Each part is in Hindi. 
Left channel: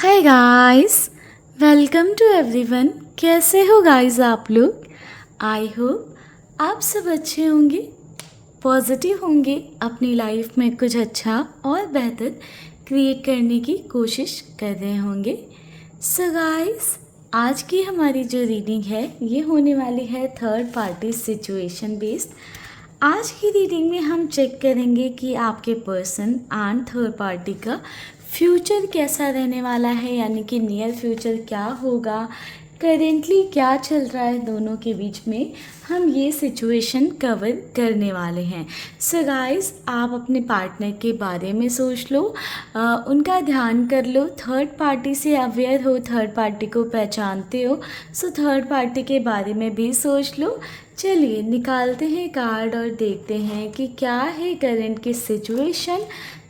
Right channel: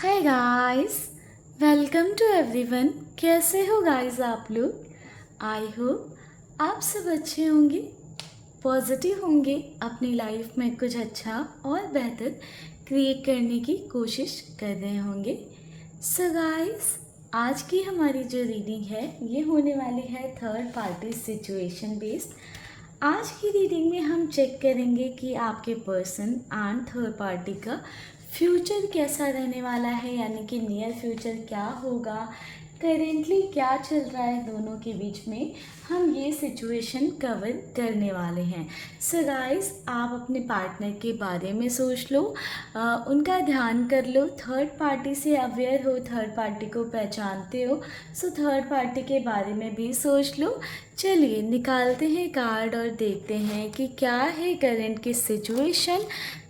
Hi guys, welcome to everyone. कैसे हो गाइस आप लोग? आई होप आप सब अच्छे होंगे, पॉजिटिव होंगे, अपनी लाइफ में कुछ अच्छा और बेहतर क्रिएट करने की कोशिश कर रहे होंगे। सो गाइस, आज की हमारी जो रीडिंग है ये होने वाली है थर्ड पार्टी सिचुएशन बेस्ड। आज की रीडिंग में हम चेक करेंगे कि आपके पर्सन एंड थर्ड पार्टी का फ्यूचर कैसा रहने वाला है, यानी कि नियर फ्यूचर क्या होगा, करेंटली क्या चल रहा है दोनों के बीच में, हम ये सिचुएशन कवर करने वाले हैं। सो गाइस, आप अपने पार्टनर के बारे में सोच लो, उनका ध्यान कर लो, थर्ड पार्टी से अवेयर हो, थर्ड पार्टी को पहचानते हो, सो थर्ड पार्टी के बारे में भी सोच लो। चलिए निकालते हैं कार्ड और देखते हैं कि क्या है करंट की सिचुएशन।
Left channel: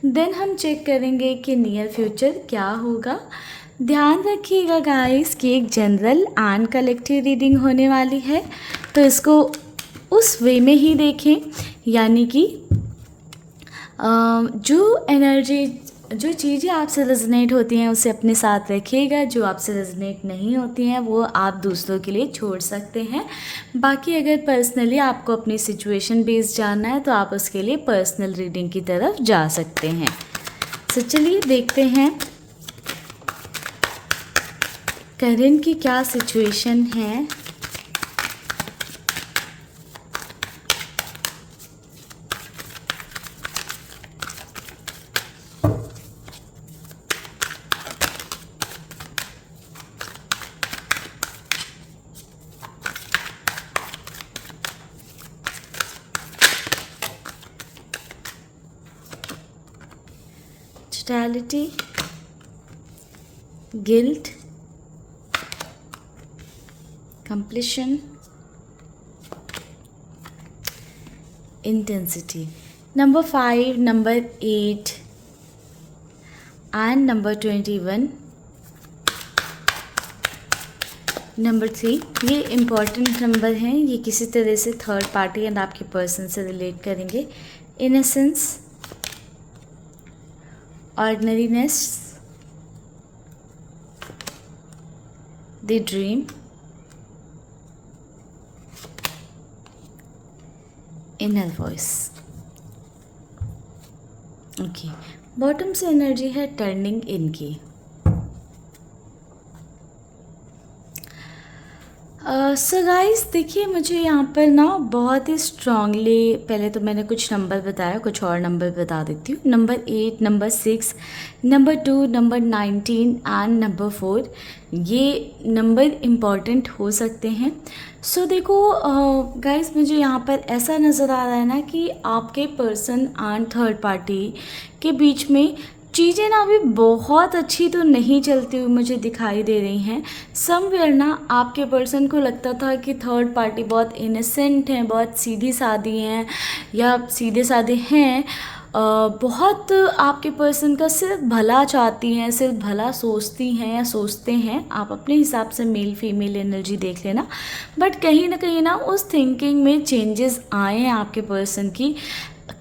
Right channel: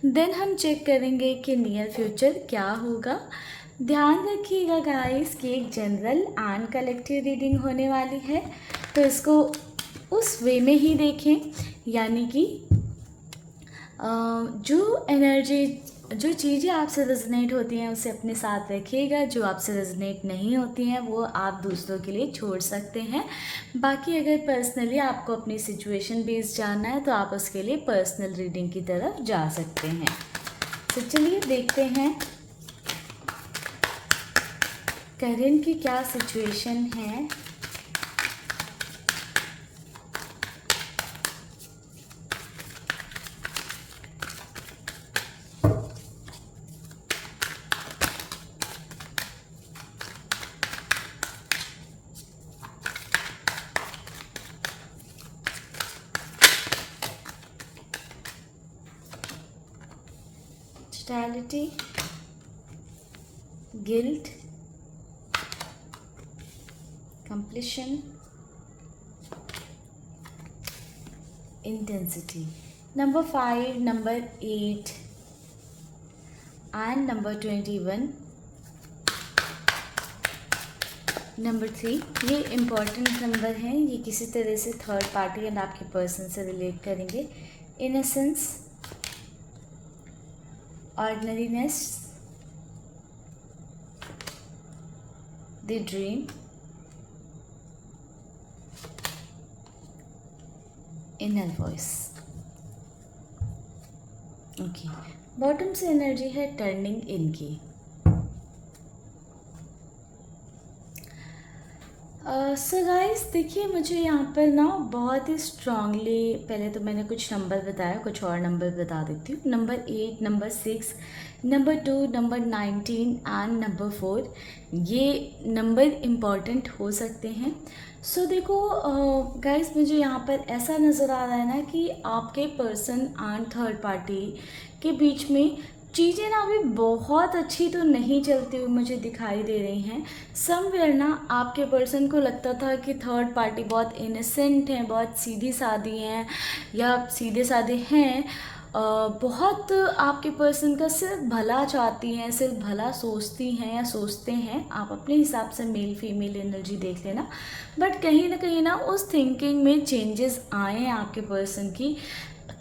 देन हम चेक करेंगे कि नियर फ्यूचर क्या होगा। ध्यान रखिएगा गाइस कि एक जनरल एंड कलेक्टिव रीडिंग होने वाली है, तो इसको उस वे में ही देखें, यानी कि जो एनर्जी, जो चीज़ें आपसे रेजोनेट होती हैं उसे अपने साथ रखिएगा, जो आपसे रेजोनेट नहीं होती हैं वो आप दूसरों के लिए छोड़ सकते हैं। बाकी अगर पर्सनली आपको अपनी सिचुएशन बेस्ड जानना है तो आप उसके लिए पर्सनल रीडिंग की तरफ जा सकते हैं। तो चलिए देखते हैं करंट की क्या सिचुएशन है। Totality, guilt, completion, intensity. Number 5, number 8 and number 21. Number 3, ये इम्पॉर्टेंट नंबर हैं, ये किसी तरह से थर्ड पार्टी एंड आपके पर्सन से रिलेट करेंगे। Innocence, ordinariness, the dream, inner voice. Okay, bottom से एनर्जी है टर्निंग इन की। सो गाइस देखिए, मुझे यहाँ पर ना बहुत ही स्ट्रांगली, पहले तो मैंने कुछ नंबर बताया, कुछ और नंबर बता देती हूँ। Number 8, number 6, number 2, number 19 and number 4, ये नंबर इम्पॉर्टेंट हो सकते हैं। सो देखो गाइस, मुझे यहाँ पर ऐसा नज़र आ रहा है ना कि आपके पर्सन एंड थर्ड पार्टी के बीच में चीज़ें ना अभी बहुत अच्छी तो नहीं चलती हुई मुझे दिखाई दे रही हैं। समवेयर ना आपके पर्सन को लगता था कि थर्ड पार्टी बहुत इनोसेंट हैं, बहुत सीधी सादी हैं या सीधे साधे हैं, बहुत आपके पर्सन का सिर्फ भला चाहती हैं, सिर्फ भला सोचती हैं या सोचते हैं। आप अपने हिसाब से मेल फीमेल एनर्जी देख लेना, बट कहीं ना उस थिंकिंग में चेंजेस आए हैं आपके पर्सन की।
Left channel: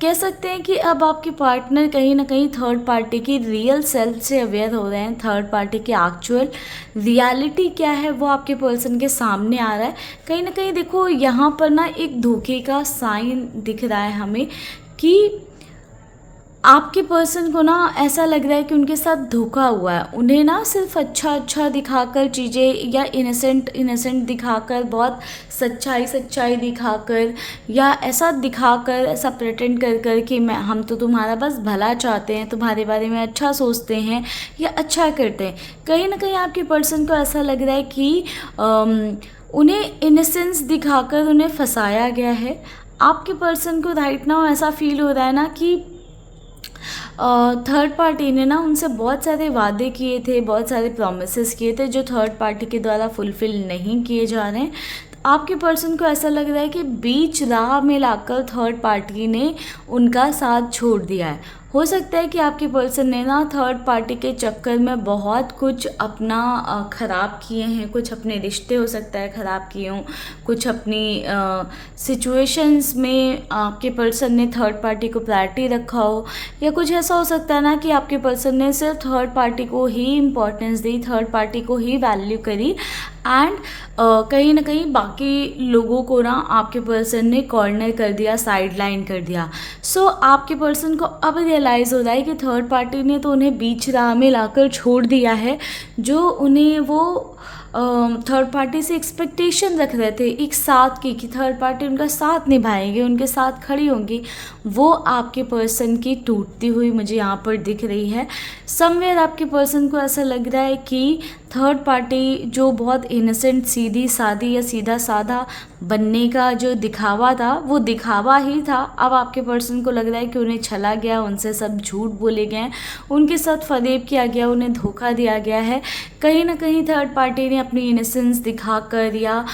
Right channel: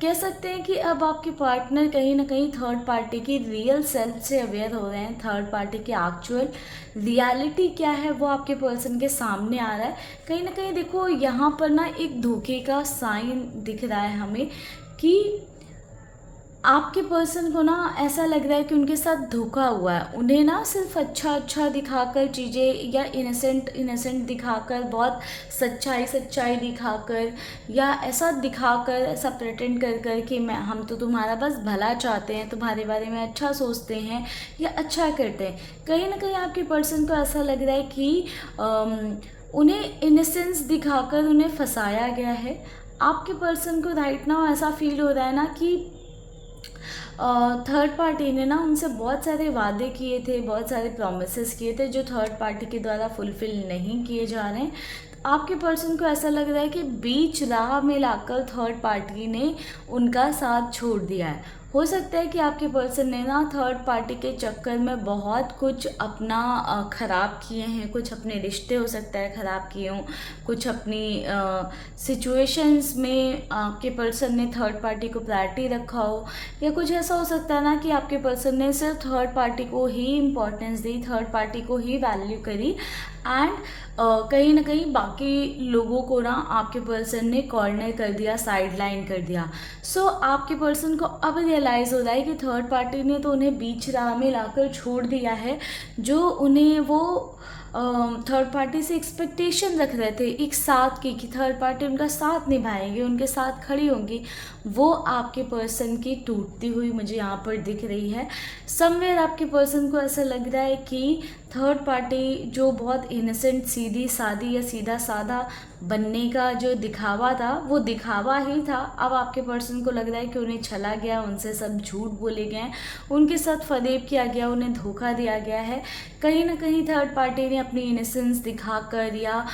कह सकते हैं कि अब आपके पार्टनर कहीं ना कहीं थर्ड पार्टी की रियल सेल्फ से अवेयर हो रहे हैं। थर्ड पार्टी की एक्चुअल रियलिटी क्या है वो आपके पर्सन के सामने आ रहा है। कहीं ना कहीं देखो, यहाँ पर ना एक धोखे का साइन दिख रहा है हमें कि आपके पर्सन को ना ऐसा लग रहा है कि उनके साथ धोखा हुआ है। उन्हें ना सिर्फ अच्छा दिखाकर चीज़ें, या इनोसेंट दिखाकर, बहुत सच्चाई दिखाकर, या ऐसा दिखाकर, ऐसा प्रेटेंड कर कि हम तो तुम्हारा बस भला चाहते हैं, तुम्हारे बारे में अच्छा सोचते हैं या अच्छा करते हैं। कहीं ना कहीं आपके पर्सन को ऐसा लग रहा है कि उन्हें इनोसेंस दिखाकर उन्हें फंसाया गया है। आपके पर्सन को राइट नाउ ऐसा फील हो रहा है ना कि थर्ड पार्टी ने ना उनसे बहुत सारे वादे किए थे, बहुत सारे प्रॉमिसेस किए थे जो थर्ड पार्टी के द्वारा फुलफ़िल नहीं किए जा रहे हैं। तो आपके पर्सन को ऐसा लग रहा है कि बीच राह में लाकर थर्ड पार्टी ने उनका साथ छोड़ दिया है हो सकता है कि आपके पर्सन ने ना थर्ड पार्टी के चक्कर में बहुत कुछ अपना ख़राब किए हैं, कुछ अपने रिश्ते हो सकता है ख़राब किए हों, कुछ अपनी सिचुएशंस में आपके पर्सन ने थर्ड पार्टी को प्रायोरिटी रखा हो, या कुछ ऐसा हो सकता है ना कि आपके पर्सन ने सिर्फ थर्ड पार्टी को ही इम्पोर्टेंस दी, थर्ड पार्टी को ही वैल्यू करी, एंड कहीं ना कहीं बाकी लोगों को ना आपके पर्सन ने कॉर्नर कर दिया, साइड लाइन कर दिया। सो आपके पर्सन को अब रियलाइज़ हो रहा है कि थर्ड पार्टी ने तो उन्हें बीच राह में लाकर छोड़ दिया है। जो उन्हें वो थर्ड पार्टी से एक्सपेक्टेशन रख रहे थे एक साथ की, कि थर्ड पार्टी उनका साथ निभाएंगे, उनके साथ खड़ी होंगी, वो आपके पर्सन की टूटती हुई मुझे यहाँ पर दिख रही है। समवेयर आपके पर्सन को ऐसा लग रहा है कि थर्ड पार्टी जो बहुत इनोसेंट, सीधी सादी या सीधा साधा बनने का जो दिखावा था, वो दिखावा ही था। अब आपके पर्सन को लग रहा है कि उन्हें छला गया, उनसे सब झूठ बोले गए, उनके साथ फरेब किया गया, उन्हें धोखा दिया गया है। कहीं ना कहीं थर्ड पार्टी ने अपनी इनोसेंस दिखाकर या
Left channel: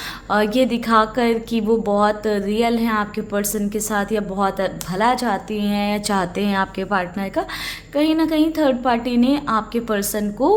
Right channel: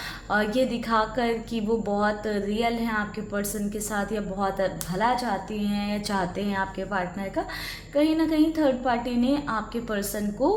ये दिखाकर कि वो बहुत रियल हैं आपके पर्सन के साथ, या बहुत भला चाहती हैं या चाहते हैं आपके पार्टनर का, कहीं ना कहीं थर्ड पार्टी ने आपके पर्सन को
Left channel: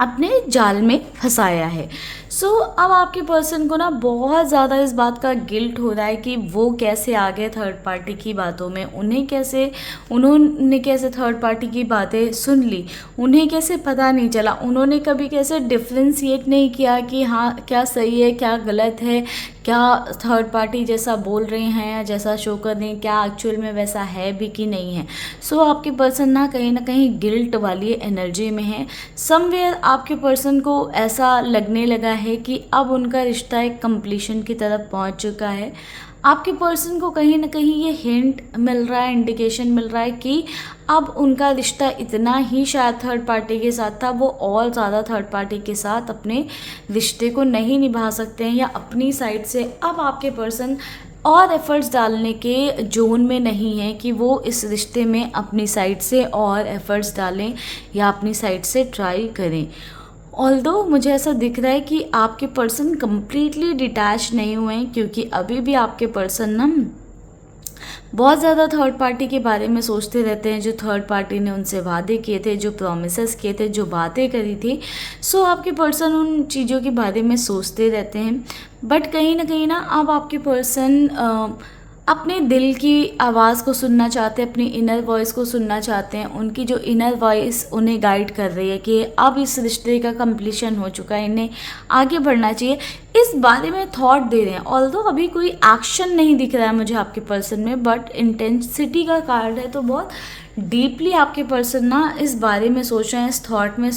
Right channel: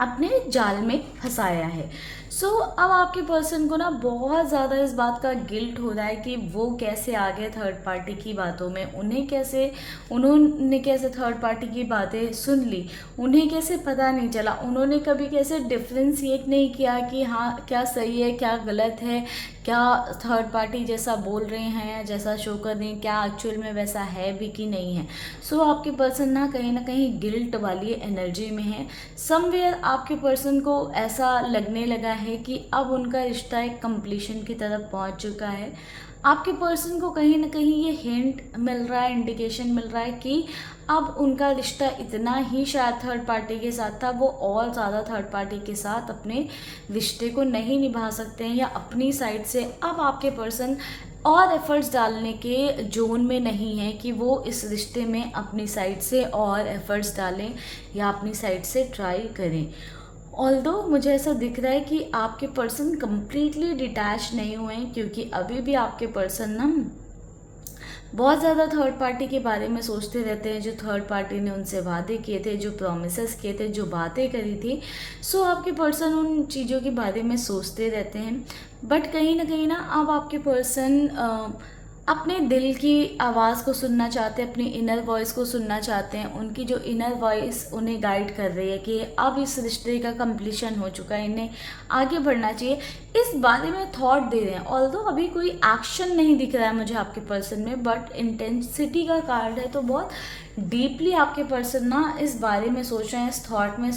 अपने जाल में फंसाया है। सो अब आपके पर्सन को ना बहुत ज़्यादा इस बात का गिल्ट हो रहा है कि वो कैसे आ गए थर्ड पार्टी की बातों में, उन्होंने कैसे थर्ड पार्टी की बातें सुन ली, उन्हें कैसे पता नहीं चला, उन्होंने कभी कैसे डिफ्रेंशिएट नहीं किया कि हाँ क्या सही है क्या गलत है, क्या थर्ड पार्टी जैसा बोल रहे हैं या जैसा शो कर रहे हैं क्या एक्चुअल में वैसा है भी कि नहीं है। सो आपके पर्सन ना कहीं गिल्ट वाली एनर्जी में है। समवेयर आपके पर्सन को ऐसा लगने लगा है कि अब उनका रिश्ता एक कंप्लीशन की तरफ पहुंच चुका है। आपके पर्सन को कहीं ना कहीं ये हिंट मिल रहा है, इंडिकेशन मिल रहा है कि अब उनका रिश्ता इतना ही शायद थर्ड पार्टी के साथ था, वो और ज़्यादा थर्ड पार्टी के साथ अपने रिश्ते को नहीं निभा सकते हैं, या अपनी साइड से अब आपके पर्सन और एफर्ट्स डालने के जोन में नहीं है कि वो इस रिश्ते में अपनी साइड से और एफर्ट्स डालें या अपनी साइड से ट्राई करें। ऑल्दो मुझे ऐसा दिख रहा है कि आपके पर्सन कंप्लीटली डिटैच नहीं हुए हैं, क्योंकि अभी भी आपके पर्सन ना बहुत ज़्यादा थर्ड पार्टी के बारे में सोचते रहते हैं, जो थर्ड पार्टी ने उनसे वादे किए थे, जो प्रॉमिसेस किए थे, जो बातें करी थी। सो आपके पर्सन उन चीज़ों के बारे में सोचते रहते हैं। बट कहीं ना अब आपके पर्सन अपने दिल की आवाज़ को सुनना चाहते हैं, अपनी इनर वॉइस को सुनना चाहते हैं। उनकी जो इनर वॉइस उन्हें गाइड कर रही है कि अब इस रिश्ते का कंप्लीशन हो चुका है, इन्हें आगे बढ़ना चाहिए, इस बारे में थॉट दे रहे हैं। ऑल्दो अभी कोई एक्शन नहीं दिख रहा है मुझे आपके पर्सन में, बट इंटेंसिटी का कार्ड है, तो बहुत डीपली आपके पर्सन ना इस बारे में सोच रहे हैं, इस थॉट में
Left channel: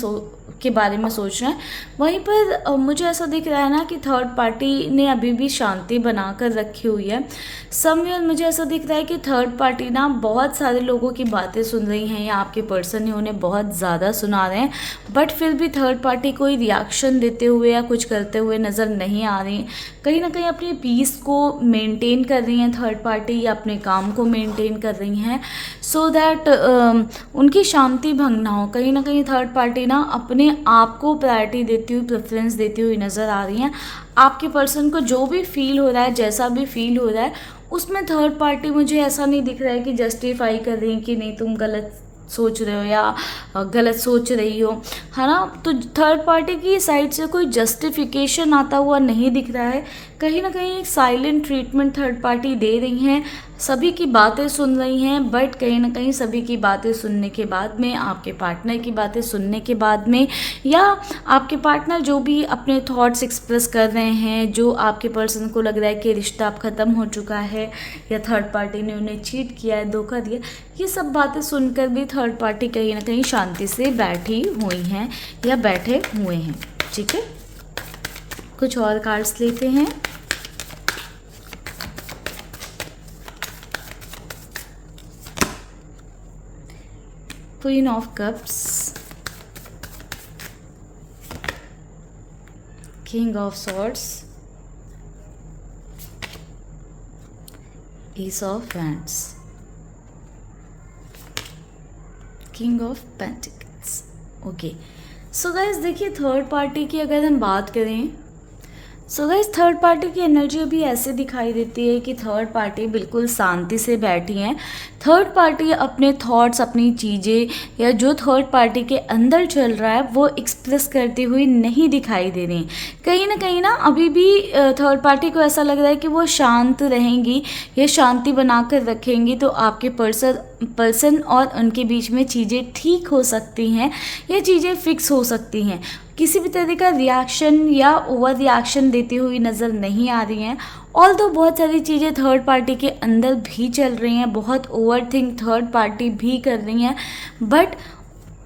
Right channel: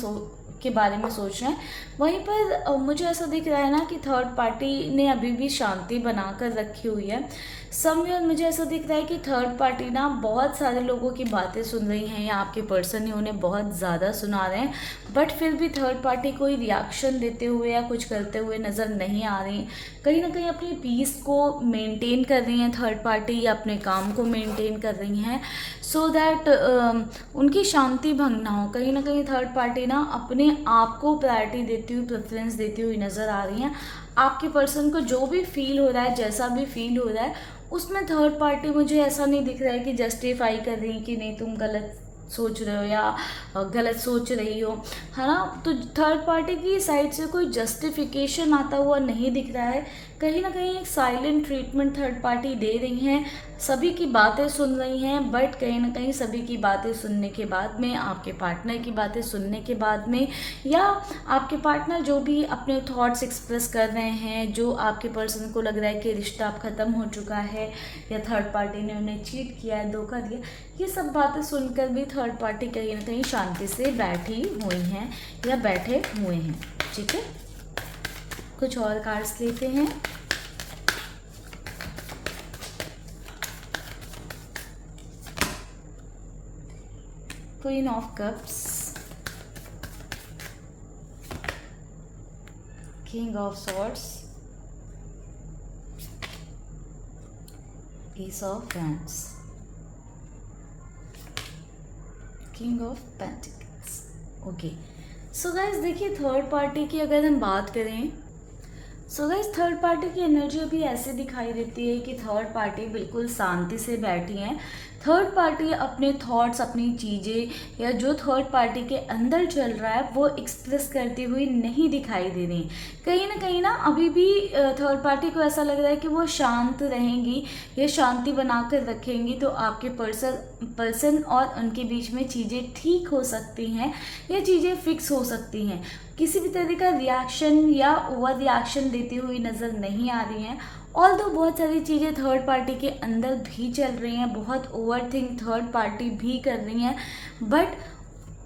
के बारे में सोच रहे हैं। वहीं पर मुझे ऐसा दिख रहा है ना कि थर्ड पार्टी ने अभी भी शांति बनाकर रखी हुई है। समवेयर मुझे ऐसा दिख रहा है कि थर्ड पार्टी ना बहुत सारे लोगों की बातें सुन रही हैं, या आपके पर्सन ने उन्हें बहुत ज़्यादा सुना रहे हैं, बट फिर भी थर्ड पार्टी कोई रिएक्शन देते हुए या कुछ करते हुए नज़र नहीं आ रही। कहीं ना कहीं अपनी पीस को मेंटेन कर रही हैं थर्ड पार्टी, या अपने काम को मेंटेन कर रही हैं, सो दैट उनकी शांति भंग ना हो। कहीं ना कहीं थर्ड पार्टी ना अपने आप को प्रायोरिटी देती हुई, प्रेफरेंस देती हुई नज़र आ रही हैं। आपके पर्सन को जो भी फील हो रहा है, जैसा भी फील हो रहा है, उसमें थर्ड पार्टी मुझे ऐसा नहीं दिख रहा है कि जस्टिफाई कर रही है कि नहीं तुम गलत सोच रहे हो या गलत सोच रही हो, है ना। तो थर्ड पार्टी की साइड से कोई जस्टिफिकेशन आता हुआ नहीं दिख रहा है। कहीं ना कहीं एक साइलेंट ट्रीटमेंट थर्ड पार्टी दे रही हैं, सभी की बातें सुन रही हैं, बट कहीं ना कहीं सभी की बातें सुनने के बाद में, आपके पार्टनर की बातें सुनने के बाद में, या आपके पार्टनर जो भी अपने थॉट्स एक्सप्रेस कर रहे हैं, जो आपके पर्सन को लग रहा है कि रिश्ता अब ख़त्म हो चुका है, या थर्ड पार्टी ने उन्हें चीट किया है, धोखा दिया, ये सब बातें सुनकर भी थर्ड पार्टी कहीं ना कहीं शांति से बैठी हुई हैं या बैठे हुए हैं। ठीक है, कुछ और कार्ड्स लेते हैं। Queen of cups, king of swords, S of wands, king of pentacles. Okay, so guys देखिए, थर्ड पार्टी की अगर हम बात करें सो गाइस थर्ड पार्टी की एनर्जी अभी ऐसे दिखाई देती है कि थर्ड पार्टी बिल्कुल शांति से बैठी है। थर्ड पार्टी अपने थॉट्स, अपनी चीज़ें या जो थर्ड पार्टी के अंदर चल रहा है वो एक्सप्रेस करती हुई नहीं दिखाई दे रही। कहीं ना अभी भी थर्ड पार्टी को ऐसा लग रहा है कि वो शांत रहेंगी या शांति बनाकर रखेंगी तो आपके पर्सन और उनके बीच में चीज़ें ठीक हो सकती हैं या चीज़ें फिक्स हो सकती हैं। किसी भी तरह का रिएक्शन या ओवर रिएक्शन देती हुई नज़र नहीं आ रही हैं। ऑल्दो बहुत सारी चीज़ें थर्ड पार्टी के अंदर भी चल रही हैं, बहुत ओवर थिंक थर्ड पार्टी भी कर रही हैं, बट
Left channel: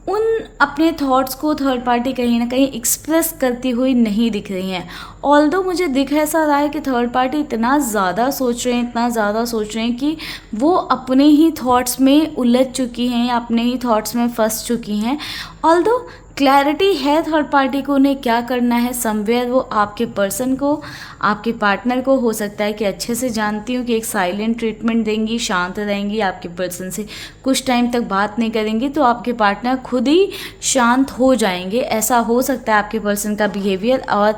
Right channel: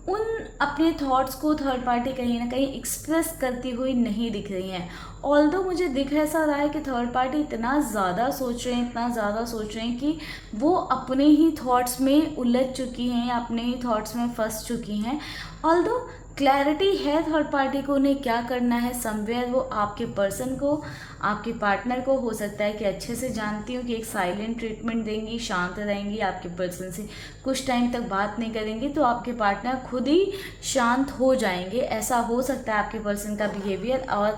उन अपने थॉट्स को थर्ड पार्टी कहीं ना कहीं एक्सप्रेस करती हुई नहीं दिख रही हैं। ऑल्दो मुझे दिख ऐसा रहा है कि थर्ड पार्टी इतना ज़्यादा सोच रहे हैं कि वो अपने ही थॉट्स में उलझ चुकी हैं या अपने ही थॉट्स में फंस चुकी हैं। ऑल्दो क्लैरिटी है थर्ड पार्टी को उन्हें क्या करना है। समवेयर वो आपके पर्सन को, आपके पार्टनर को हो सकता है कि अच्छे से जानती हूँ कि एक साइलेंट ट्रीटमेंट देंगी, शांत रहेंगी, आपके पर्सन से कुछ टाइम तक बात नहीं करेंगी तो आपके पार्टनर खुद ही शांत हो जाएंगे। ऐसा हो सकता है आपके पर्सन का बिहेवियर। और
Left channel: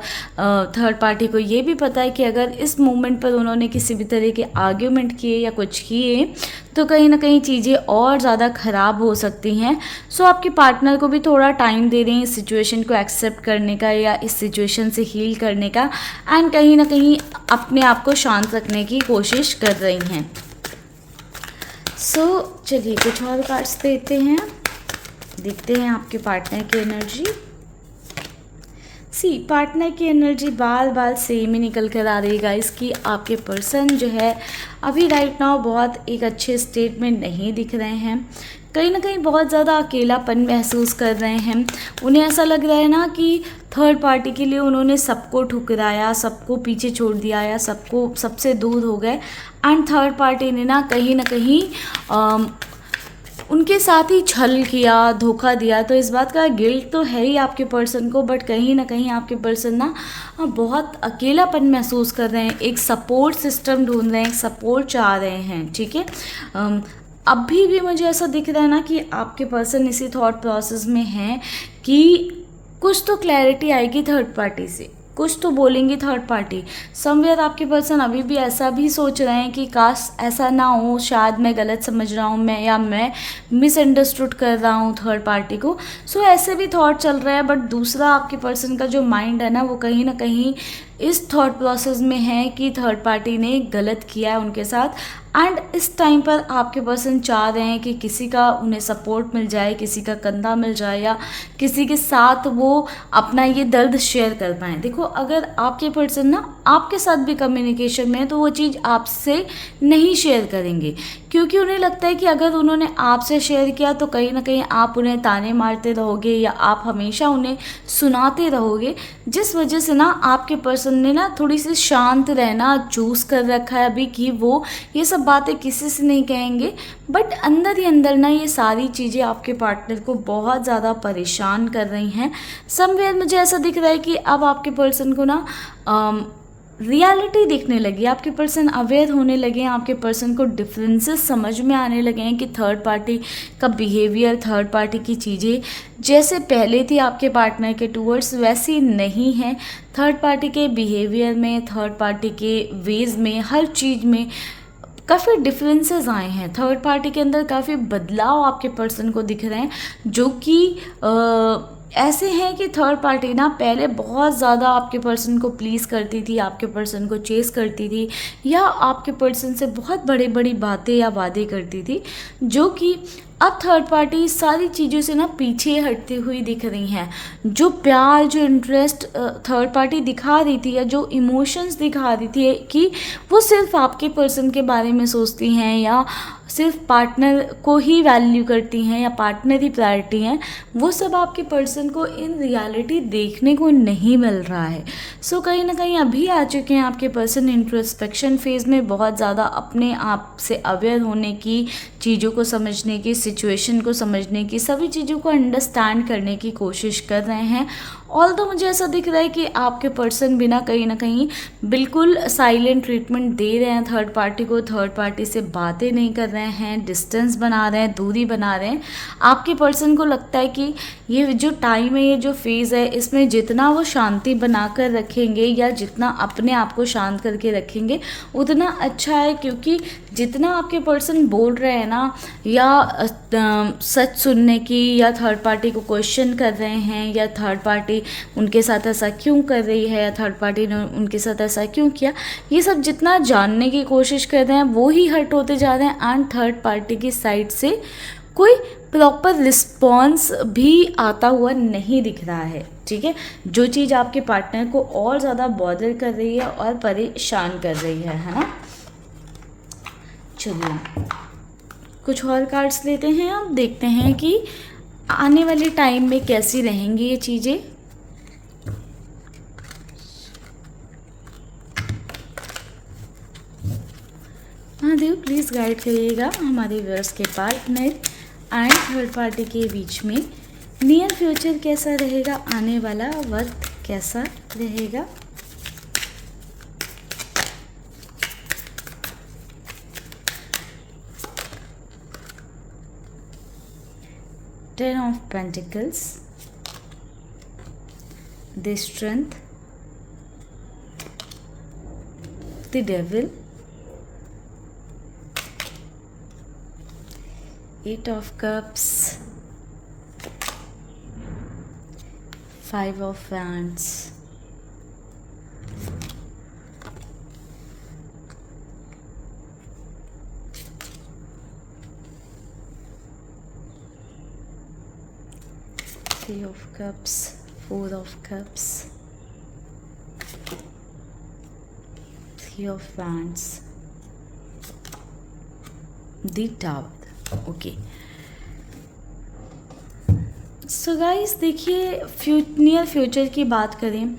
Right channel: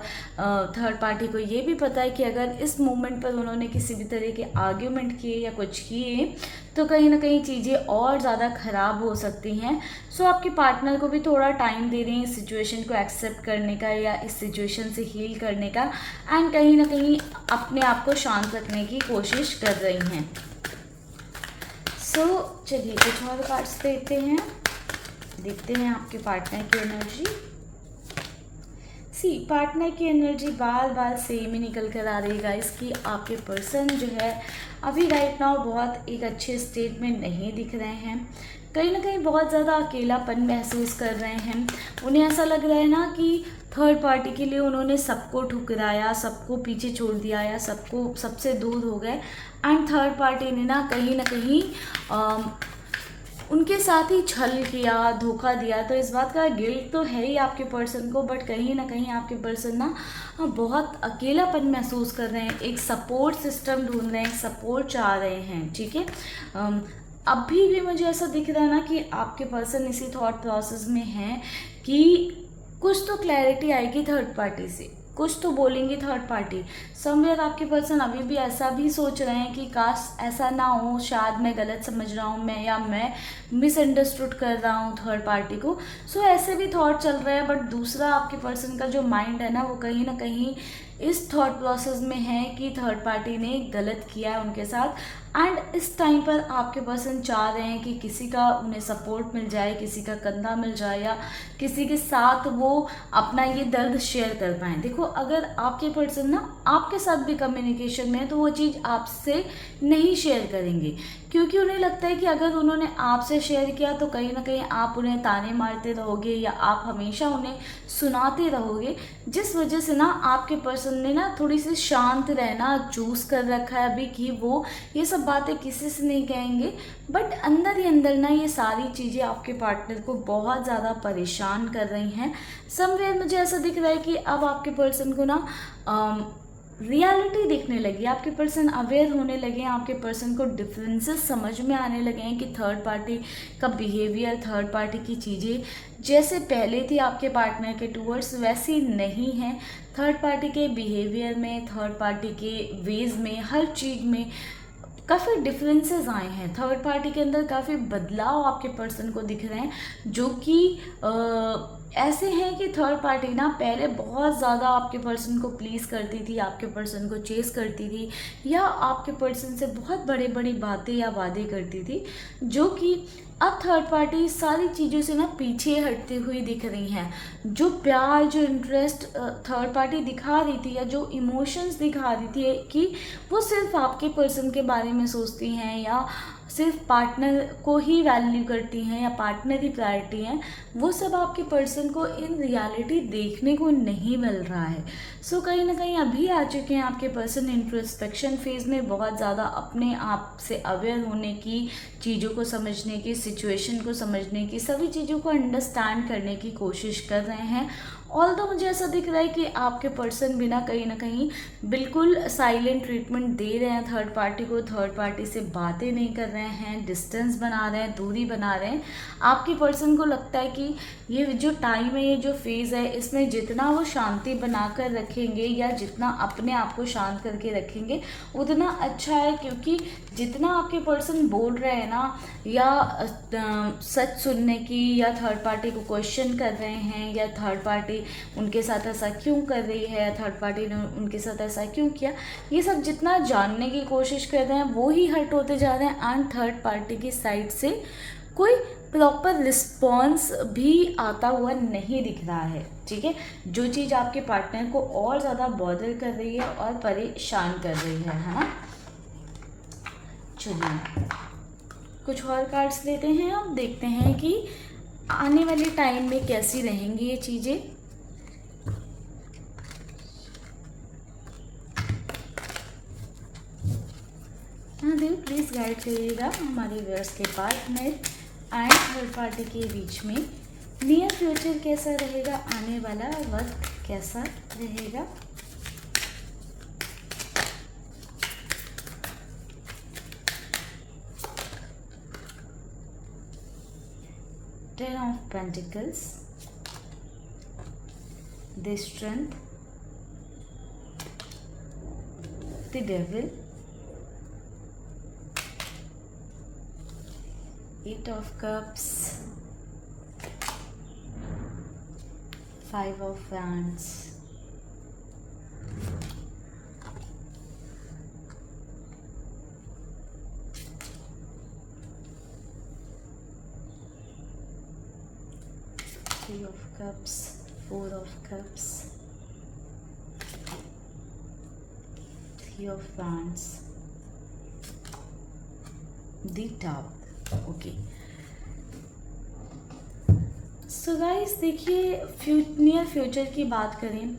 थर्ड पार्टी को ये भी पता है कि अगर इस मोमेंट पर उन्होंने किसी भी तरह के आर्ग्यूमेंट किए या कुछ किए तो कहीं ना कहीं चीज़ें और ज़्यादा ख़राब हो सकती हैं। सो आपके पार्टनर को भी थोड़ा टाइम दे रहे हैं इस सिचुएशन को एक्सेप्ट करने का या इस सिचुएशन से हील करने का, एंड कहीं ना कहीं अपने आप को शांत रखने की कोशिश कर रही हैं। सो चलिए कुछ और कार्ड्स देते हैं, देखते हैं आपके पार्टनर की एनर्जी। पार्टनर की एनर्जी बार बार सेम ही निकल कर आ रही है इसकी। आपके पर्सन जो है अभी राइट नाउ बहुत एक अच्छे स्टेट में नहीं दिख रहे हैं, कहीं ना कहीं बहुत ज़्यादा अकेलापन महसूस कर रहे हैं। उन्हें ऐसा लग रहा है ना कि थर्ड पार्टी के लिए उन्होंने सबको ठुकराया, सबको पीछे छोड़ दिया या सबसे दूर हो गए, एंड थर्ड पार्टी ने ना कहीं उनके साथ ही छल किया, धोखा दिया। तो इस बात का गिल्ट तो है ही आपके पर्सन को, बट कहीं ना कहीं आपके पर्सन ना बहुत अकेलापन महसूस कर रहे हैं, एक सपोर्ट सिस्टम ढूंढ रहे हैं, सपोर्ट चाह रहे हैं। ठीक है, अभी भी मुझे ऐसा दिख रहा है ना कि आपके पर्सन इसी थॉट प्रोसेस में हैं कि कुछ तो क्लैरिटी आएगी थर्ड पार्टी से, कुछ तो बोलेंगे थर्ड पार्टी। समवेयर आपके पर्सन अभी भी ऐसा भी सोच रहे हैं कि काश ऐसा ना हो, शायद मैं गलत समझ रहा हूँ मैं मिसअंडरस्टूड कर रहा हूँ थर्ड पार्टी को। सो ऐसे भी थॉट चल रहा है, बट दूसरा आपके पर्सन का जो माइंड है ना वो कहीं ना कहीं इस थॉट प्रोसेस में है कि थर्ड पार्टी ने गलत किया है उनके साथ, एंड इस टाइम पर आपके पर्सन चाह रहे हैं कि किसी का उन्हें सपोर्ट मिल जाए, किसी का कंधा मिल जाए या किसी के साथ वो अपना ये दर्द शेयर कर पाएँ। देखो अगर आपके पर्सन ना आपके साथ भी कम्युनिकेशन में है तो वो चीज़ आपसे नहीं शेयर करेंगे, क्योंकि उन्हें लगता है कि अगर उन्होंने आपसे शेयर किया तो कहीं ना कहीं आप उन्हें ताने मारते रहोगे या आप हमेशा उन्हें सुनाते रहोगे, जिस वजह से ना आपके पर्सन ने ना थोड़ी सी शांत रहना चूज कर रखा है अभी कि वो ये सब बातें किसी से नहीं कहेंगे। बट अंदर ही अंदर ना ये सारी चीज़ें आपके पार्टनर को बहुत ज़्यादा परेशान कर रही हैं। समवेयर मुझे ऐसा दिख रहा है कि अब आपके पर्सन को ना रियलिटी दिखने लगी, आपके पर्सन अवेयर होने लगे हैं, आपके पर्सन को डिफरेंसेस समझ में आने लगे हैं कि थर्ड पार्टी का बिहेवियर, थर्ड पार्टी की चीज़ें जैसे पहले थी आपके पार्टनर के टूवर्ड्स वैसी नहीं है। थर्ड पार्टी के बिहेवियर में, थर्ड पार्टी के वेज में, हर चीज़ में काफ़ी डिफरेंसेस आए हैं। थर्ड पार्टी के अंदर काफ़ी बदलाव आपके पर्सन को दिख रहे हैं, जो कि ऐसे हैं कि थर्ड पार्टी ना पहले बहुत ज़्यादा आपके पर्सन को प्लीज़ करती थी, आपके पर्सन को चेस करती थी या आपके पर्सन से बहुत बड़ी बातें या वादे करती थी, जो कि अब थर्ड पार्टी सारी चीज़ों से ना पीछे हटती हुई दिख रही हैं। जो प्यार, जो इंटरेस्ट थर्ड पार्टी दिखा रही थी या जो इमोशंस दिखा रही थी कि वो सिर्फ आपके पर्सन के बारे में सोचती हैं या सिर्फ पार्टनर को ही वैल्यू करती हैं या पार्टनर ही प्रायोरिटी हैं, वो सब आपके पर्सन को इन रियलिटी देखने को नहीं मिल रहा है। सो कहीं ना कहीं अभी आ चुके हैं आपके पर्सन इंट्रोस्पेक्शन फेज में, बहुत ज़्यादा अपने आप से अवेयर होने की, चीज़ों को समझने की, सिचुएशन को समझने की, सभी चीज़ों को अंडरस्टैंड करने की कोशिश कर रहे हैं। ऑल तो मुझे ऐसा दिख रहा है कि आपके पर्सन भी ना कहीं बिल्कुल साइलेंट ट्रीटमेंट दे रहे हैं थर्ड पार्टी को, थर्ड पार्टी से बातें नहीं कर रहे हैं, डिस्टेंस बना रहे हैं, दूरी बना रहे हैं। आपके पर्सन को लगता है कि ये जो टाइम है, ये जो फेज़ है, इसमें जितना वो शांति बना कर रखेंगे या जितना अपने आप को शांत करके रखेंगे उतना अच्छा है, क्योंकि जितना आपके पर्सन बोल रहे हैं ना, या सच सुनने की, या थर्ड पार्टी को क्वेश्चन कर रहे हैं, या थर्ड पार्टी उनके साथ ऐसा क्यों कर रही है, या थर्ड पार्टी ने उनके साथ ऐसा क्यों किया, ये सब जितना जानने की कोशिश कर रहे हैं वो ही हर्ट होते जा रहे हैं। एंड थर्ड पार्टी की साइड से कोई प्रॉपर रिस्पॉन्स भी आता हुआ नहीं दिख रहा है। ठीक है, जो चीज़ आपके पार्टनर को और ज़्यादा बॉदर कर रही है और परेशान कर रही है ना। चलिए कुछ और कार्ड्स लेते हैं, अब देखते हैं कि आने वाले टाइम में कैसी रहेंगी ये चीज़ें। महादेव प्लीज़ गाइड करिएगा हमारे व्यूअर्स के पार्टनर एंड थर्ड पार्टी के बीच में नियर फ्यूचर कैसा रहेगा, आने वाला वक्त कैसा रहेगा। Ten of Pentacles, the Strength, the Devil, Eight of Cups, Five of Wands, Three of Cups, Four of Cups, Three of Wands, the Tower। Okay so guys, देखिए नियर फ्यूचर की बात करें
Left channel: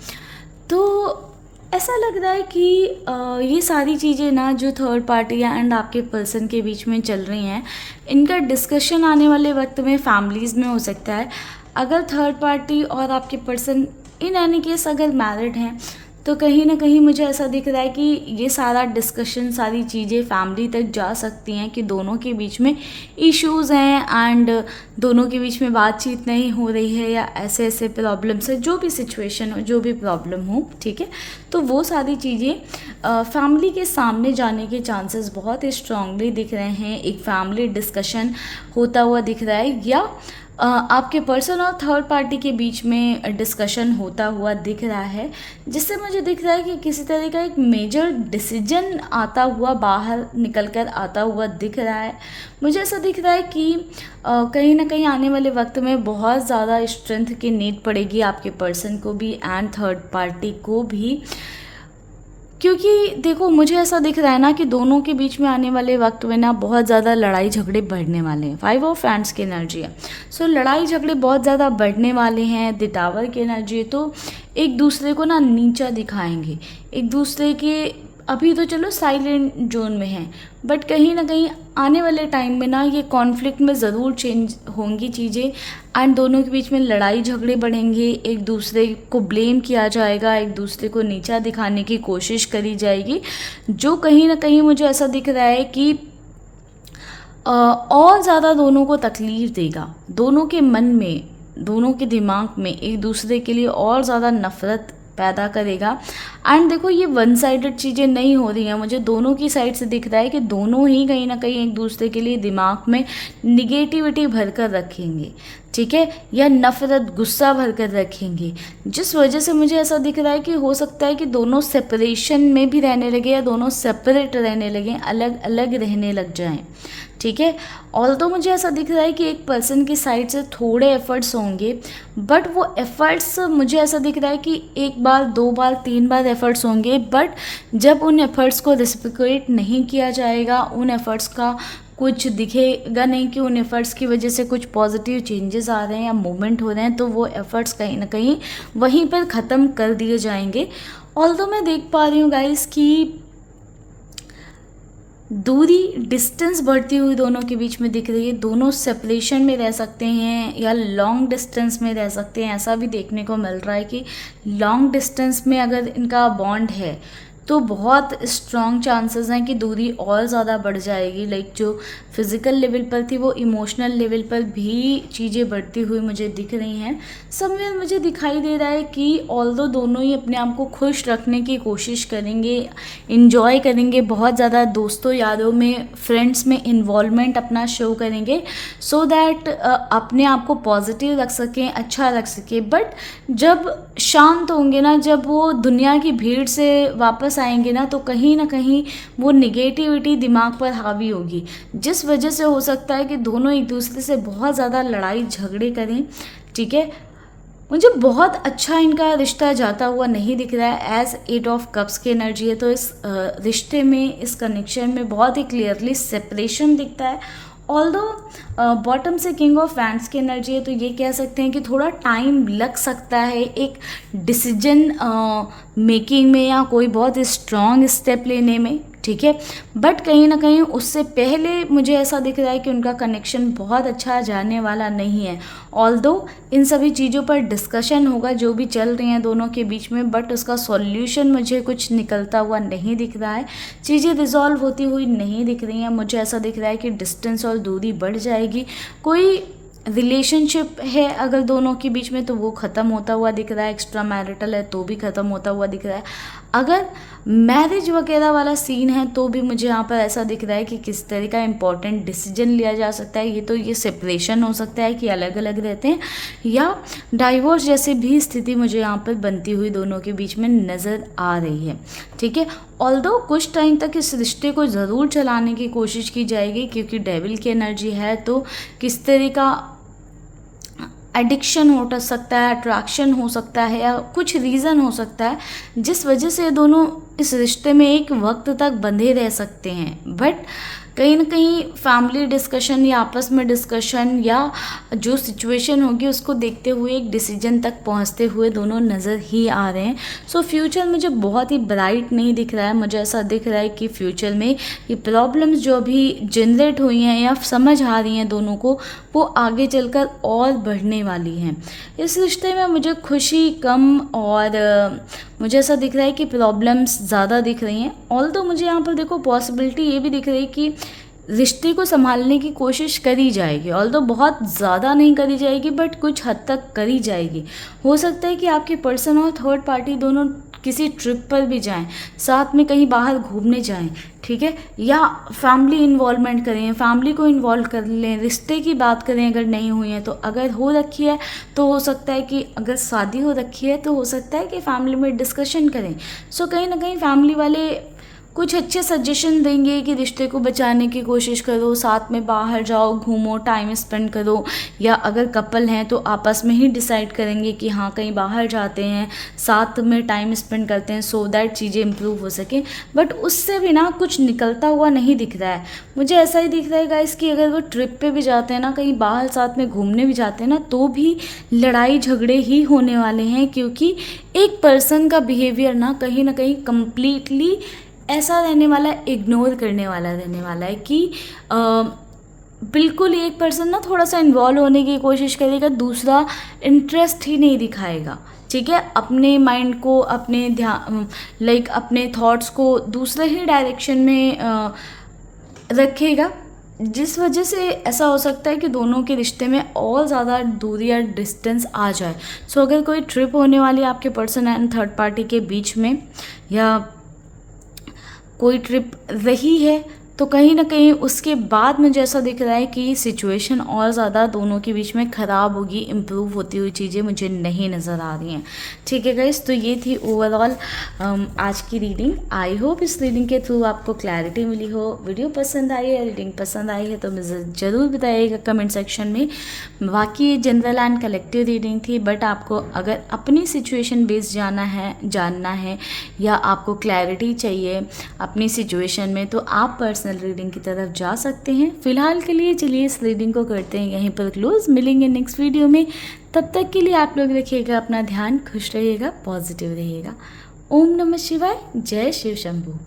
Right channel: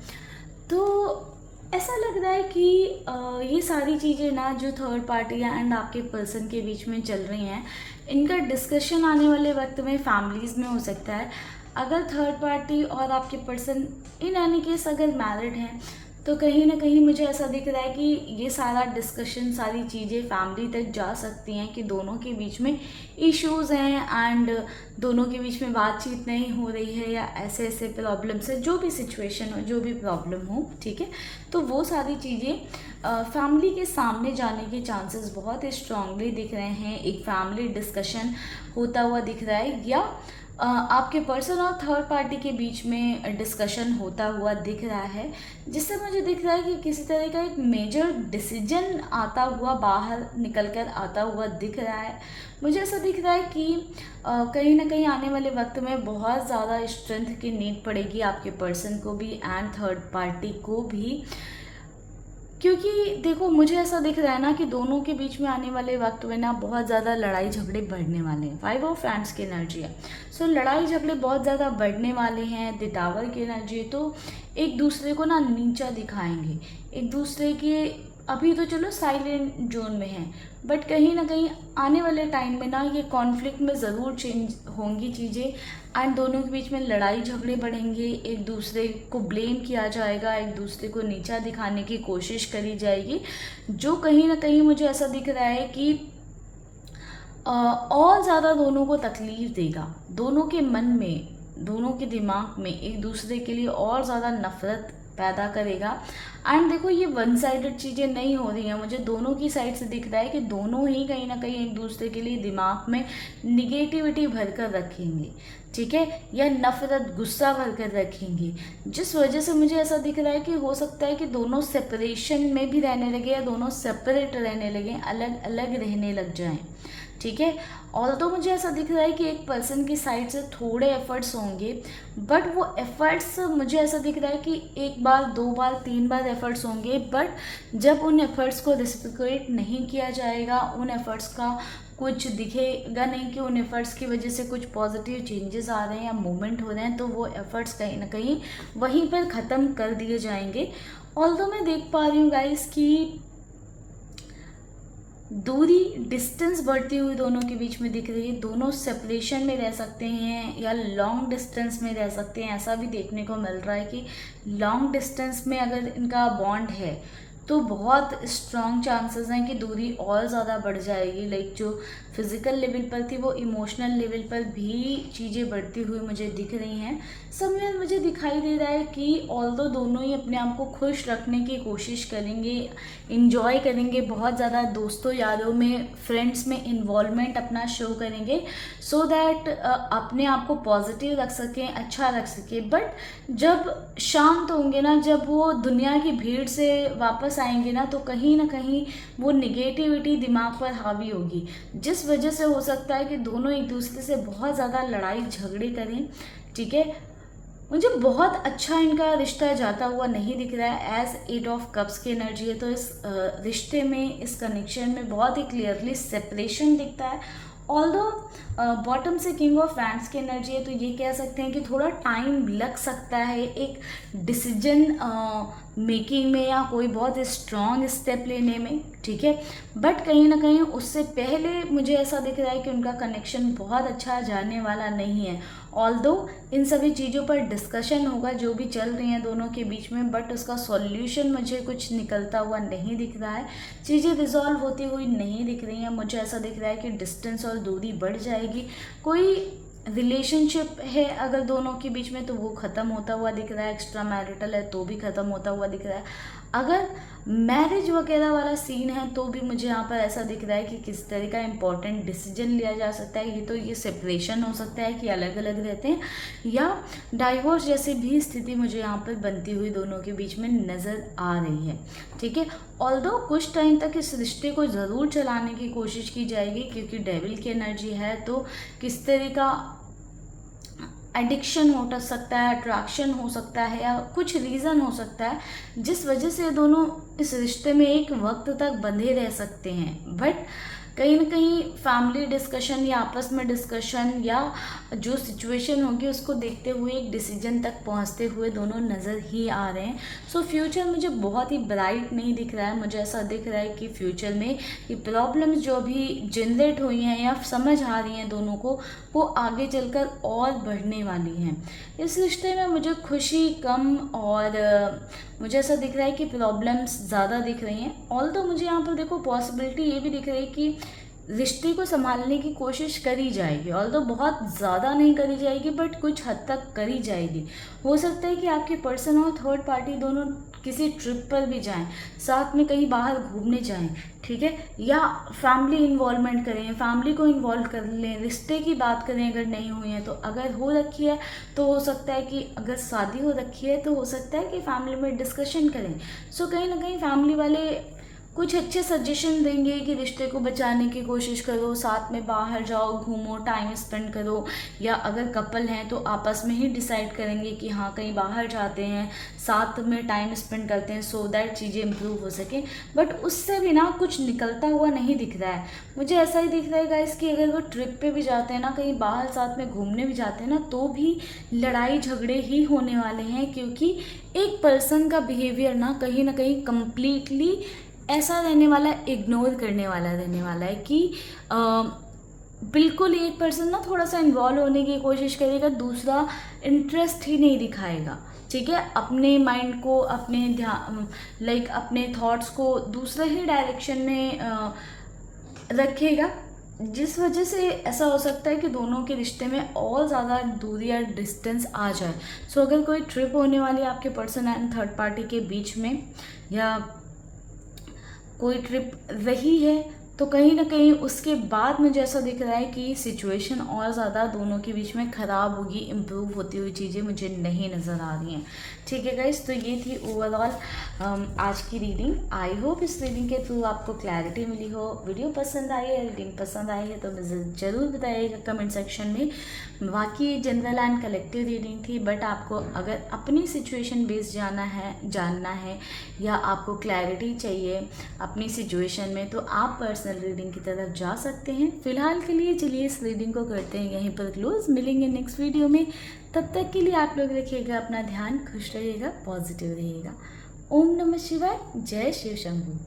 तो ऐसा लग रहा है कि ये सारी चीज़ें ना जो थर्ड पार्टी एंड आपके पर्सन के बीच में चल रही हैं, इनका डिस्कशन आने वाले वक्त में फैमिलीज़ में हो सकता है। अगर थर्ड पार्टी और आपके पर्सन इन एनी केस अगर मैरिड हैं तो कहीं ना कहीं मुझे ऐसा दिख रहा है कि ये सारा डिस्कशन, सारी चीज़ें फैमिली तक जा सकती हैं कि दोनों के बीच में इश्यूज़ हैं एंड दोनों के बीच में बातचीत नहीं हो रही है, या ऐसे ऐसे प्रॉब्लम्स है, जो भी सिचुएशन हो, जो भी प्रॉब्लम हो, ठीक है, तो वो सारी चीज़ें फैमिली के सामने जाने के चांसेस बहुत ही स्ट्रांगली दिख रहे हैं। एक फैमिली डिस्कशन होता हुआ दिख रहा है, या आपके पर्सन और थर्ड पार्टी के बीच में डिस्कशन होता हुआ दिख रहा है, जिससे मुझे दिख रहा है कि किसी तरह का एक मेजर डिसीजन आता हुआ, बाहर निकल कर आता हुआ दिख रहा है। मुझे ऐसा दिख रहा है कि कहीं ना कहीं आने वाले वक्त में बहुत ज़्यादा स्ट्रेंथ की नीड पड़ेगी आपके पर्सन को भी एंड थर्ड पार्टी को भी, क्योंकि देखो मुझे ऐसा दिख रहा है ना कि दोनों के बीच में आने वाले वक्त में ना बहुत ज़्यादा लड़ाई झगड़े बढ़ने वाले हैं। फाइव ऑफ हैंड्स की एनर्जी है, सो लड़ाई झगड़े बहुत ज़्यादा बढ़ने वाले हैं। द टावर की एनर्जी है, तो एक दूसरे को ना नीचा दिखाएंगे, एक दूसरे के, अभी तो चलो साइलेंट जोन में हैं, बट कहीं ना कहीं आने वाले टाइम में ना ये कॉन्फ्लिक्ट में ज़रूर चेंज होंगी चीज़ें एंड दोनों के बीच में लड़ाई झगड़े बढ़ेंगे, एक दूसरे को ब्लेम किया जाएगा, एक दूसरे को नीचा दिखाने की कोशिश करी जाएगी, जो कहीं ना कहीं मुझे ऐसा दिख रहा है कि और ज़्यादा दोनों को तकलीफ़ देगा, दोनों के मन में, दोनों के दिमाग में एक दूसरे के लिए और ज़्यादा नफ़रत पैदा करेगा। एंड देखो ये वन साइडेड चीज़ें नहीं हो रही हैं, मुझे दोनों की साइड से दिख रहा है कि दोनों ही कहीं ना कहीं एक दूसरे के लिए दिमाग में निगेटिविटी भर कर रखेंगे, ठीक है, या नफ़रत, गुस्सा भर कर रखेंगे, जिस वजह से मुझे ऐसा दिख रहा है कि हो सकता है कि दोनों सेपरेशन में भी रहने लगे या दोनों सेपरेट रहने लगे, अलग अलग रहने लग जाएं, ठीक है। और तो मुझे ऐसा दिख रहा है कि एक पर्सन की साइड से थोड़े एफर्ट्स होंगे, बट वो एफर्ट्स मुझे ऐसा दिख रहा है कि एक बार, दो बार, तीन बार एफर्ट्स होंगे, बट जब उन एफर्ट्स को रेसिप्रोकेट नहीं किया जाएगा, उन एफर्ट्स का कुछ दिखेगा नहीं कि उन एफर्ट्स की वजह से कुछ पॉजिटिव चेंजेस आ रहे हैं या मूवमेंट हो रहे हैं, तो वो एफर्ट्स कहीं ना कहीं वहीं पर ख़त्म कर दिए जाएंगे। ऑल्दो मैं देख पा रही हूँ गाइस कि दूरी डिस्टेंस बढ़ती हुई दोनों के बीच में दिख रही है। दोनों सेपरेशन में रह सकते हैं या लॉन्ग डिस्टेंस में रह सकते हैं। ऐसा भी देखने को मिल रहा है कि लॉन्ग डिस्टेंस में अगर इनका बॉन्ड है तो बहुत स्ट्रॉन्ग चांसेस हैं कि दूरी और ज़्यादा बढ़ जाएगी। लाइक जो फिज़िकल लेवल पर थी वो इमोशनल लेवल पर भी चीज़ें बढ़ती हुई मुझे दिख रही हैं। सब में मुझे दिखाई दे रहा है कि ऑल्दो दोनों ही अपने आप को खुश रखने की कोशिश करेंगे, इंजॉय करेंगे, बहुत ज़्यादा दोस्तों यारों में, फ्रेंड्स में इन्वॉल्वमेंट अपना शो करेंगे सो दैट अपने आप को पॉजिटिव रख सकें, अच्छा रख सकें। बट जब शांत होंगे ना, जब वो दुनिया की भीड़ से वापस आएंगे ना, तो कहीं ना कहीं वो निगेटिविटी दिमाग पर हावी होगी, जिस वजह से हो सकता है कि दोनों एक दूसरे से बहुत ज़्यादा लड़ाई झगड़े करें। ठीक है, मुझे बहुत अच्छा इनका रिश्ता जाता हुआ नहीं दिख रहा है। एज 8 ऑफ कप्स की एनर्जी है तो इस रिश्ते में, इस कनेक्शन में बहुत ही क्लियरली सेपरेशन दिखता है। ऑल्दो बॉटम से किंग ऑफ वैंड्स की एनर्जी है तो ये कह सकते हैं कि थोड़ा टाइम लग सकता है एक डिसीजन मेकिंग में या कोई बहुत स्ट्रॉन्ग स्टेप लेने में। ठीक है, बट कहीं ना कहीं उससे पहले मुझे ऐसा दिख रहा है कि उनका कनेक्शन बहुत अच्छा जाने वाला नहीं है। ऑल्दो इन सभी चीज़ों पर डिस्कशन होगा जो भी चल रही हैं दोनों के बीच में, बट उसका सॉल्यूशन मुझे कुछ निकलता हुआ नहीं दिख रहा है। चीज़ें रिजॉल्व होती हुई नहीं दिख रही हैं। मुझे ऐसा दिख रहा है कि डिस्टेंस और दूरी बढ़ जाएगी। कोई रिलेशनशिप है अगर दोनों के बीच में तो वो ख़त्म होता हुआ दिख रहा है। एक्स्ट्रा मैरिटल है तो भी ख़त्म होता हुआ दिख रहा है। अगर मैरिज वगैरह वाला सीन है तो भी मुझे यहाँ पर ऐसा दिख रहा है कि किस तरह का इंपॉर्टेंट डिसीजन लिया जा सकता है। ये सेपरेशन हो सकता है कि अलग अलग रहते हैं, या डाइवोर्स जैसी भी स्थिति मुझे यहाँ पर बनती हुई दोनों के बीच में नज़र आ रही है। ठीक है, ऑल्दो कुछ टाइम तक इस रिश्ते को ज़रूर चलाने की कोशिश की जाएगी क्योंकि डेविल की एनर्जी है तो किस तरह का एडिक्शन हो सकता है, अट्रैक्शन हो सकता है, या कुछ रीज़न हो सकता है जिस वजह से दोनों इस रिश्ते में एक वक्त तक बंधे रह सकते हैं। बट कहीं ना कहीं फैमिली डिस्कशन या आपस में डिस्कशन या जो सिचुएशन होगी उसको देखते हुए एक डिसीजन तक पहुंचते हुए दोनों नज़र ही आ रहे हैं। सो फ्यूचर मुझे बहुत ही ब्राइट नहीं दिख रहा है। मुझे ऐसा दिख रहा है कि फ्यूचर में ये प्रॉब्लम्स जो अभी जनरेट हुई हैं या समझ आ रही हैं दोनों को, वो आगे चलकर और बढ़ने वाली हैं। इस रिश्ते में मुझे खुशी कम और मुझे ऐसा दिख रहा है कि प्रॉब्लम्स ज़्यादा दिख रही हैं। ऑल्दो मुझे यहाँ पर देखो पॉसिबिलिटी ये भी दिख रही है कि रिश्ते को संभालने की कोशिश करी जाएगी। ऑल्दो बहुत ज़्यादा नहीं करी जाएगी बट कुछ हद तक करी जाएगी। हो सकता है कि आपके पर्सन और थर्ड पार्टी दोनों किसी ट्रिप पर भी जाएं, साथ में कहीं बाहर घूमने जाएं। ठीक है, या फैमिली इन्वॉल्वमेंट करें, फैमिली को इन्वॉल्व कर लें, रिश्ते की बात करें अगर नहीं हुई है तो। अगर हो रखी है तो हो सकता है कि, अगर शादी हो रखी है तो हो सकता है कि फैमिली में डिस्कशन करें। सो कहीं ना कहीं फैमिली वाले कुछ अच्छे सजेशन देंगे कि रिश्ते को बचाने की कोशिश करो, साथ में बाहर जाओ, घूमो, टाइम स्पेंड करो, या अगर कपल हैं तो आपस में ही डिसाइड करेंगे कि हाँ कहीं बाहर जाते हैं, साथ में टाइम स्पेंड करते हैं सो दैट चीज़ें इम्प्रूव हो सकें। बट उससे भी ना कुछ निकलता हुआ नहीं दिख रहा है। मुझे ऐसा ही दिख रहा है गाइस कि अगर वो ट्रिप पे भी जाते हैं ना, कहीं बाहर साथ में घूमने भी जाते हैं ना, तो भी लड़ाई झगड़े ही होने वाले हैं क्योंकि एक पर्सन का बिहेवियर ना कहीं कंप्लीटली ऐसा रहने वाला है, इग्नोर करने वाला रहने वाला है कि बिल्कुल एक पर्सन ना थोड़ा सा इन्वॉल्व होने की कोशिश करेगा, दूसरा इंटरेस्ट ही नहीं दिखाएगा। ठीक है, अपने माइंड को, अपने ध्यान अपने थॉट्स को दूसरे ही डायरेक्शन में रखेगा, जिस वजह से ऐसा हो सकता है कि दोनों के रिश्ते में और ज़्यादा दूरी या डिस्टेंस आ जाए। सो अगर कोई ट्रिप होने वाली है आपके पर्सन एंड थर्ड पार्टी के बीच में, या कोई ट्रिप रही है तो कहीं ना कहीं उसके बाद मुझे ऐसा दिख रहा है कि सिचुएशन और ज़्यादा दोनों के बीच में ख़राब होगी, इम्प्रूव होती हुई चीज़ें मुझे नहीं नज़र आ रही हैं। ठीक है गाइस, तो ये थी ओवरऑल आज की रीडिंग। आई होप इस रीडिंग के थ्रू आपको क्लैरिटी मिली हो। वीडियो पसंद आई है, रीडिंग पसंद आई है तो मुझे ज़रूर बताइएगा कमेंट सेक्शन में। बाकी जनरल एंड कलेक्टिव रीडिंग थी, बट आपको अगर अपनी सिचुएशन बेस्ड जानना है या आपको क्लैरिटी चाहिए अपनी सिचुएशन में, तो आप पर्सनल रीडिंग की तरफ जा सकते हैं। फिलहाल के लिए चलिए इस रीडिंग को करते हैं यहीं पर क्लोज। मिलेंगे नेक्स्ट वीडियो में, तब तक के लिए आप लोग रखिएगा अपना ध्यान, खुश रहिएगा, पॉजिटिव रहिएगा। ओम नमः शिवाय, जय शिव शंभू।